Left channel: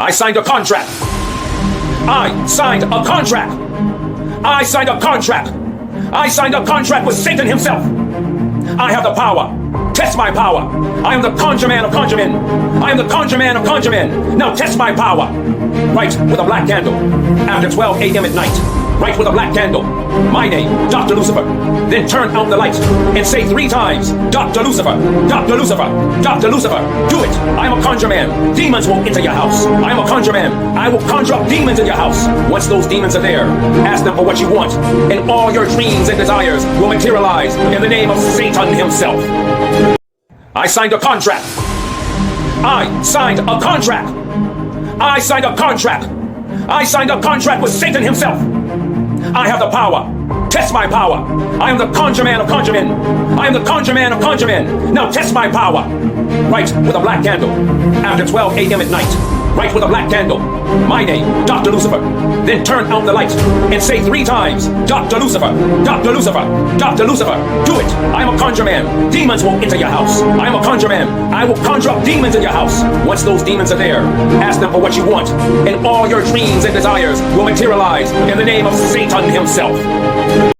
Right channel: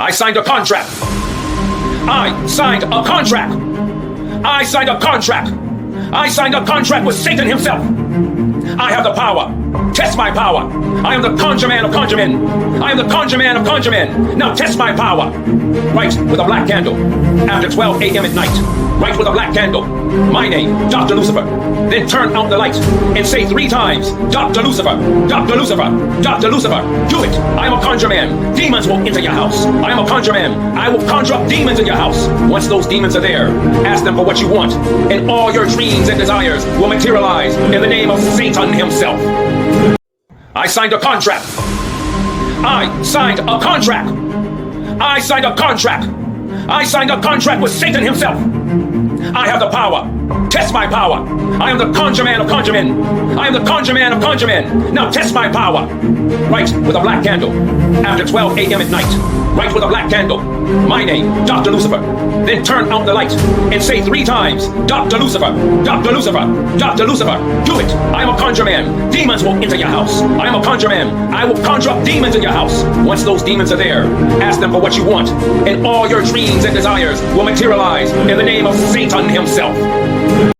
I signed a contract. I signed a contract. I signed a contract. I signed a contract with Satan himself. I have the power. Test my power. I am the conjure man of conjure men. I am the conjure man of conjure men. Now test my power. Write with a black candle after 12 a.m. at night. Write with a black candle. My name, Doktor Lucifer. Then turn out the light and say 3 times, Doktor Lucifer, Doktor Lucifer, Doktor Lucifer. Do it. I am a conjure man. Demons will enter your house. I am a conjure man. I will conjure up demons in your house. Once those demons are there, ask them for what you want, and all your dreams and desires will materialize in the name of Satan himself. I signed a contract. I signed a contract. I signed a contract. I signed a contract with Satan himself. I have the power. Test my power. I am the conjure man of conjure men. I am the conjure man of conjure men. Now test my power. Write with a black candle after 12 a.m. at night. Write with a black candle. My name, Doktor Lucifer. Then turn out the light and say 3 times, Doktor Lucifer, Doktor Lucifer, Doktor Lucifer. Do it. I am a conjure man. Demons will enter your house. I am a conjure man. I will conjure up demons in your house. Once those demons are there, ask them for what you want, and all your dreams and desires will materialize in the name of Satan himself.